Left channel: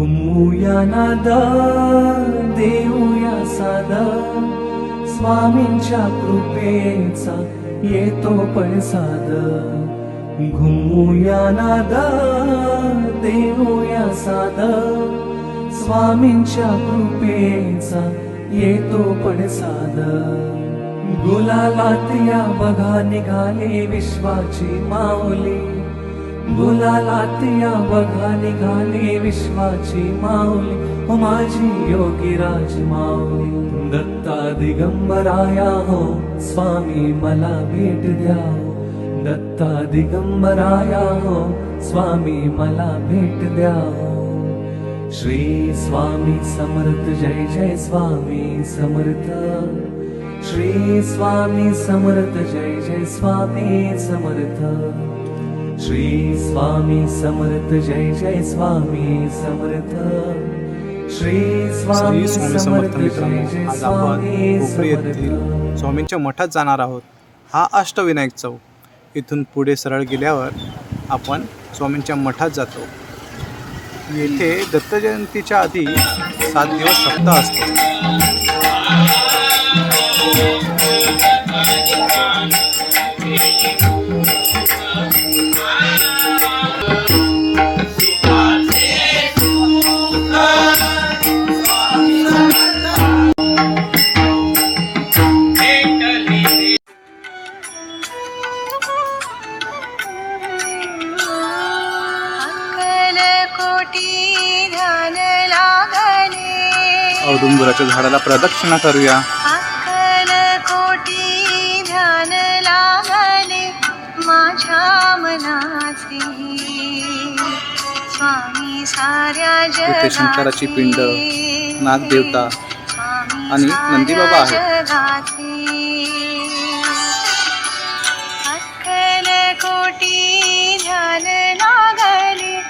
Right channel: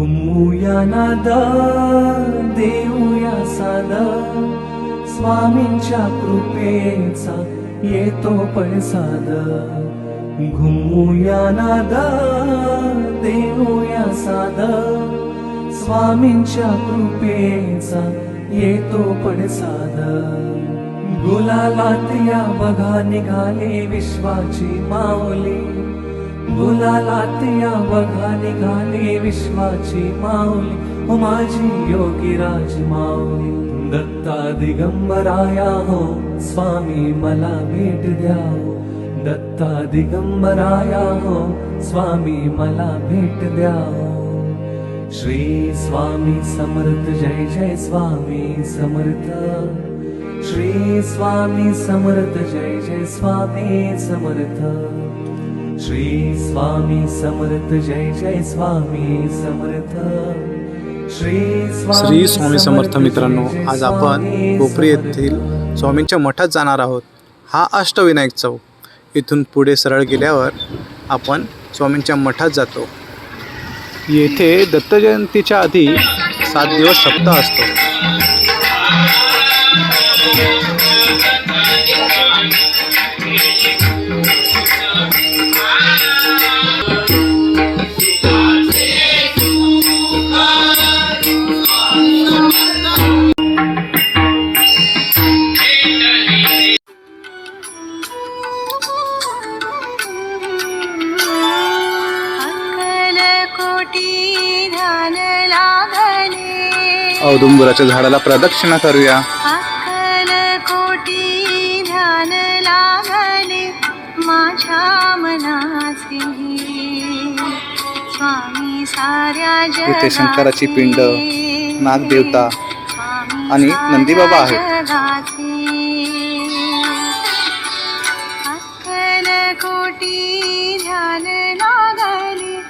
घुमूया नादा देऊया सादा स्वामींच्या कृपेचा येतो पण साधा घुमूया नादा देऊया सादा स्वामींच्या कृपेचा येतो पण गुलालात या बघा निघाले विश्वाची माऊली. गुलालात या बघा निघाले विश्वाची माऊली हो माझी योगी राज माऊली दत्ता दिगंबराया हो स्वामी मला भेट द्या हो. दत्ता दिगंबराया हो स्वामी मला भेट द्या हो. श्री स्वामी समर्थ जय जय स्वामी समर्थ. श्री स्वामी समर्थ जय जय स्वामी समर्थ श्री स्वामी समर्थ जय जय स्वामी समर्थ. श्री स्वामी समर्थ मित्रांनो आज आपण कोपरी. येथील स्वामींच्या मठात जाणार आहोत. हा अष्टविनायक चौक. इथून पुढे सरळ गेल्यावर आपण स्वामींच्या मठात जातो. येथे दत्त जयंतीच्या आधी सात दिवस सप्ताह असतो. औदुंबराच्या झाडाला प्रदक्षिणा करूया. इथे शंकराची पिंड. नागदेवता आणि नंदीबाबा लागले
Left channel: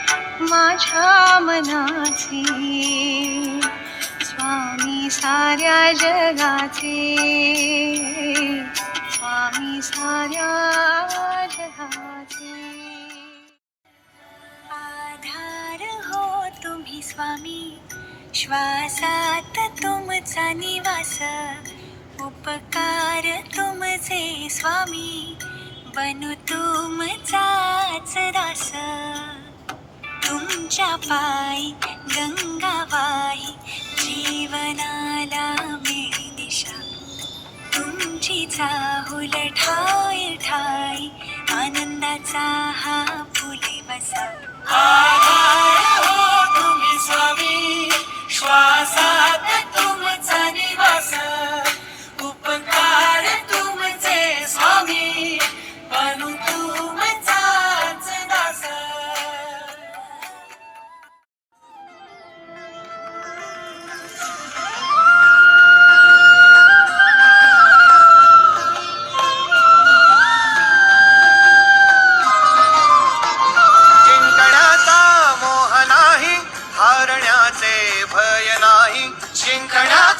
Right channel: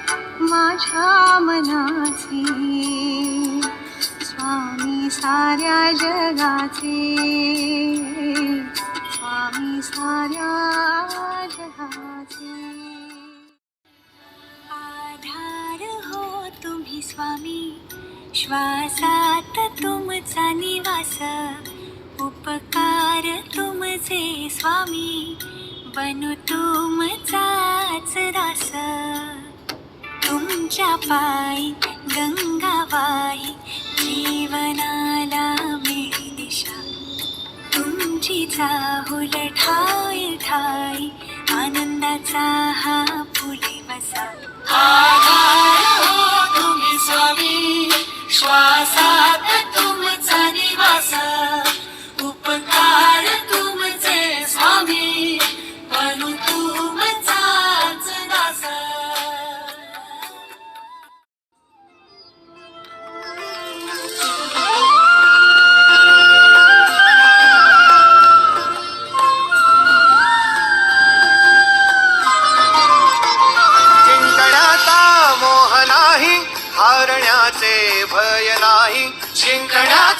माझ्या मनाचे. साऱ्या जगाचे. स्वामी साऱ्या जगाचे. आधार हो तुम्ही स्वामी. श्वासात तुमचा निवास. उपकार तुमचे स्वामी. बनू तुमचाच रास तुमच्या पायी गंगाबाई जीवनाला मी दिशा तुमची चाहुल ठाय ठाय आनंदाचा हा फुले बसा. आधार हो तुम्ही स्वामी. श्वासात भय नाही जिंकण्याचा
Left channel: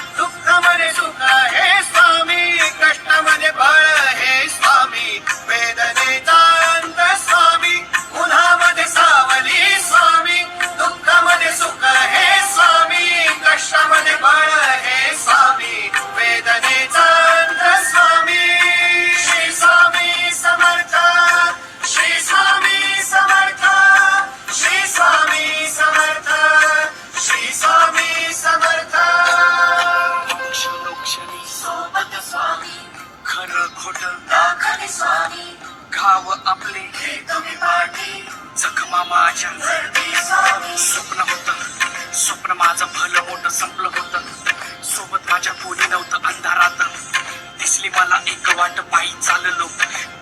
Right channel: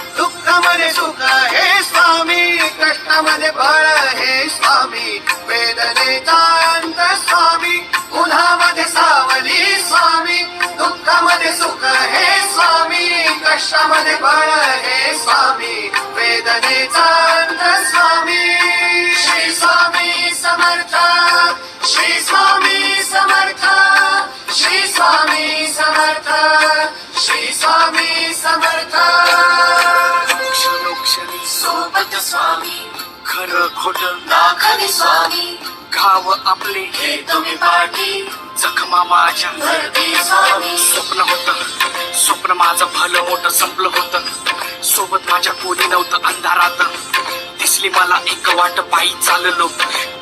दुःखमध्ये सुख हे स्वामी कष्टामध्ये बळ हे स्वामी वेदनेचा अंत स्वामी उन्हामध्ये सावली स्वामी दुःखामध्ये सुख हे स्वामी कष्टामध्ये बळ हे स्वामी वेदनेचा अंत स्वामी. श्री स्वामी समर्थ श्री स्वामी समर्थ श्री स्वामी समर्थ. खोट दाखले स्वामी. गाव आपले हे तुम्ही पाठी. जखमा माझ्या. स्वप्न होत. स्वप्न माझं भलं मोठं संपलं होतं. सोबत माझ्या कोणी नव्हतं अंधारात. दिसली मला एक वाट पायी चाललो.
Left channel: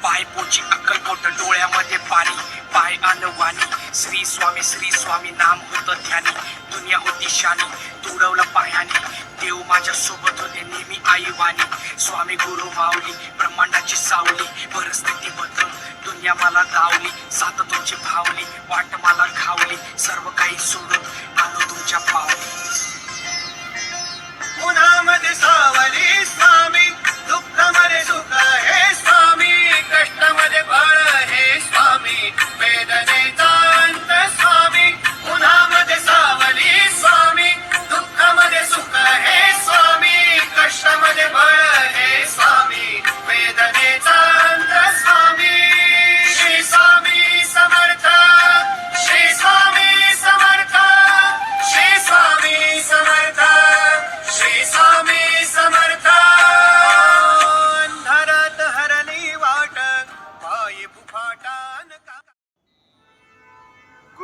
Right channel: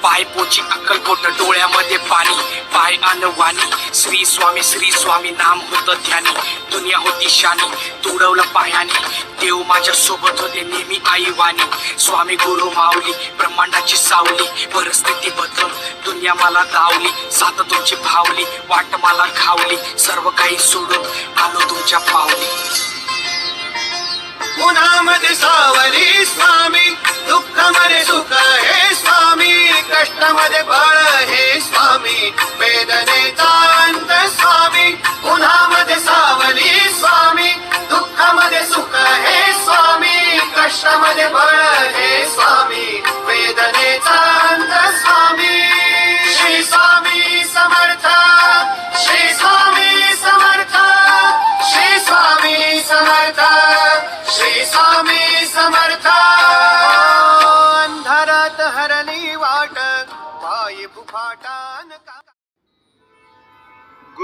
पाय पोची अक्कलकोट डोळ्यामध्ये पाणी. पाय वाणी. श्री स्वामी श्री स्वामी नाम होत ध्यानी. दुनिया होती शानी तुडवलं पायाने. देव माझ्या सोबत होते नेहमी आई वाणी स्वामी गुरु माऊली ब्रह्मांडाची सावली. परिस्थिती बदलून दुनिया मला दावली. सात तुमची भावली वाट मला खावली. सर्व काही सोडून आलो तुमच्या पावली. उन्हामध्ये सावली स्वामी दुःखामध्ये सुख हे स्वामी कष्टामध्ये बळ हे स्वामी वेदनेचा अंत स्वामी उन्हामध्ये सावली स्वामी दुःखामध्ये सुख हे स्वामी कष्टामध्ये बळ हे स्वामी वेदनेचा अंत स्वामी।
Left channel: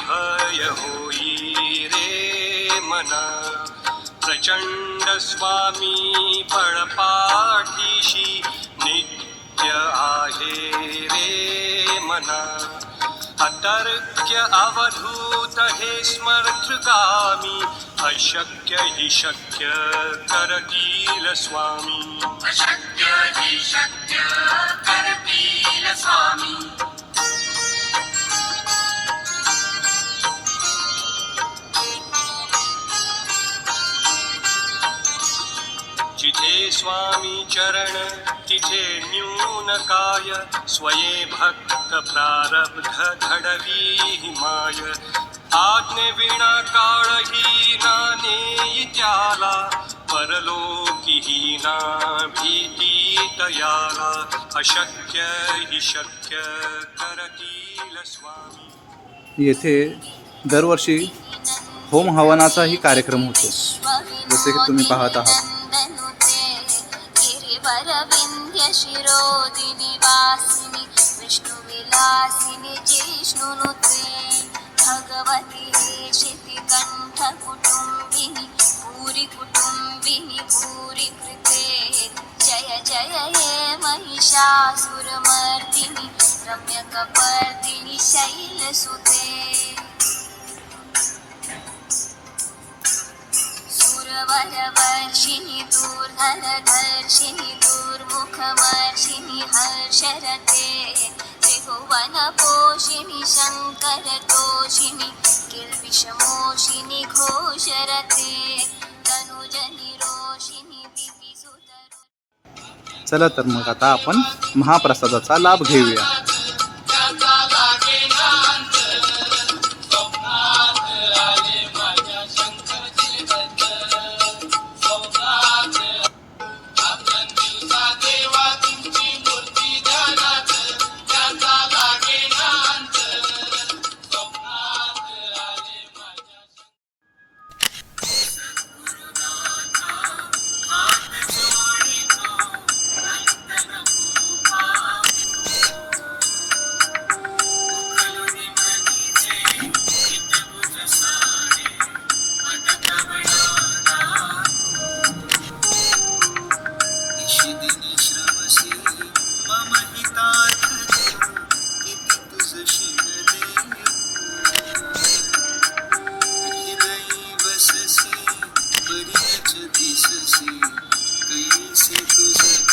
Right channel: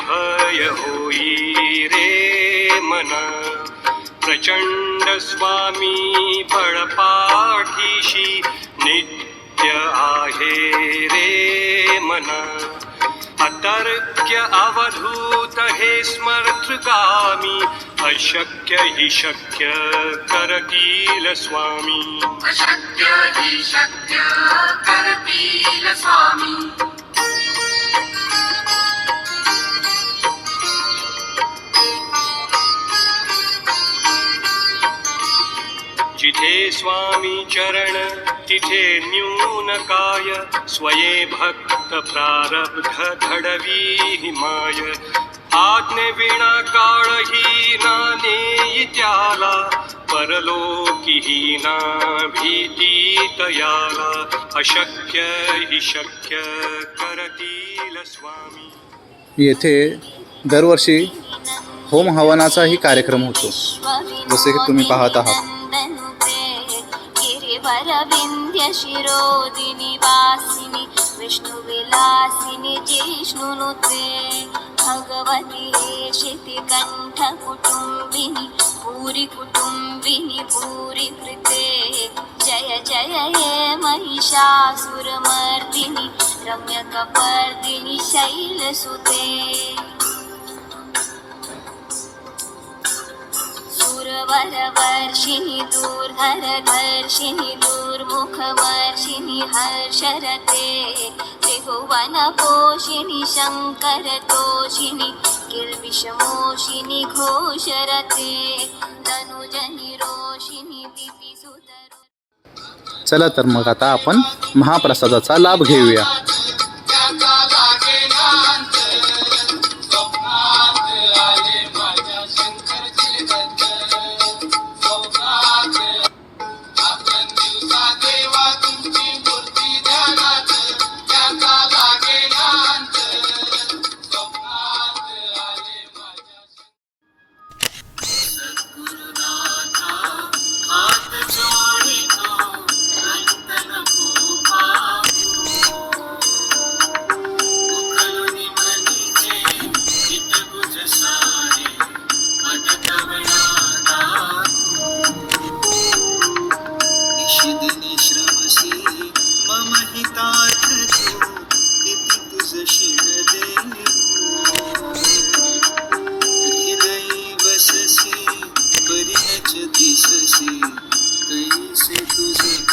भय होई रे मना. प्रचंड स्वामी बळपाठीशी नित्य आहे रे मना. अतर्क्य अवधूत हे स्मर्तगामी अशक्य हि शक्य करतील स्वामी. अशक्य हि शक्य करतील स्वामी. जिथे स्वामी चरण तिथे न्यून काय? स्वये भक्त प्रारब्ध घडवी माय। आज्ञे विणा काळही ना नेई त्याला परलोकीही ना भीती तयाला अशक्य हि शक्य करतील स्वामी। येथे दरवर्षी होम हवनाचाही कार्यक्रम होतो जसे की तुम्ही पाहत आहात. పరవింధ్య శిరోదిని వాసిని విష్ణు విలాసిని జిష్ణునుతే భగవతి శితి కంఠ కుటుంబిని పూరి కుటుంబిని పూరి కృతే. జయ జయ ఏ మహిషాసురమర్దిని రమ్యకపర్దిని శైలసుతే. सुरवरवर्षिणि दूर्धरधर्षिणि दूर्मुखवर्षिणि हर्षरते त्रिभुवनपोषिणि शङ्करतोषिणि किल्बिषमोषिणि घोषरते तनुजनि रोषिणि दितिसुतरो चला तर मग आता आपण महाप्रसादाचा लाभ घेऊया. कैसे तुझे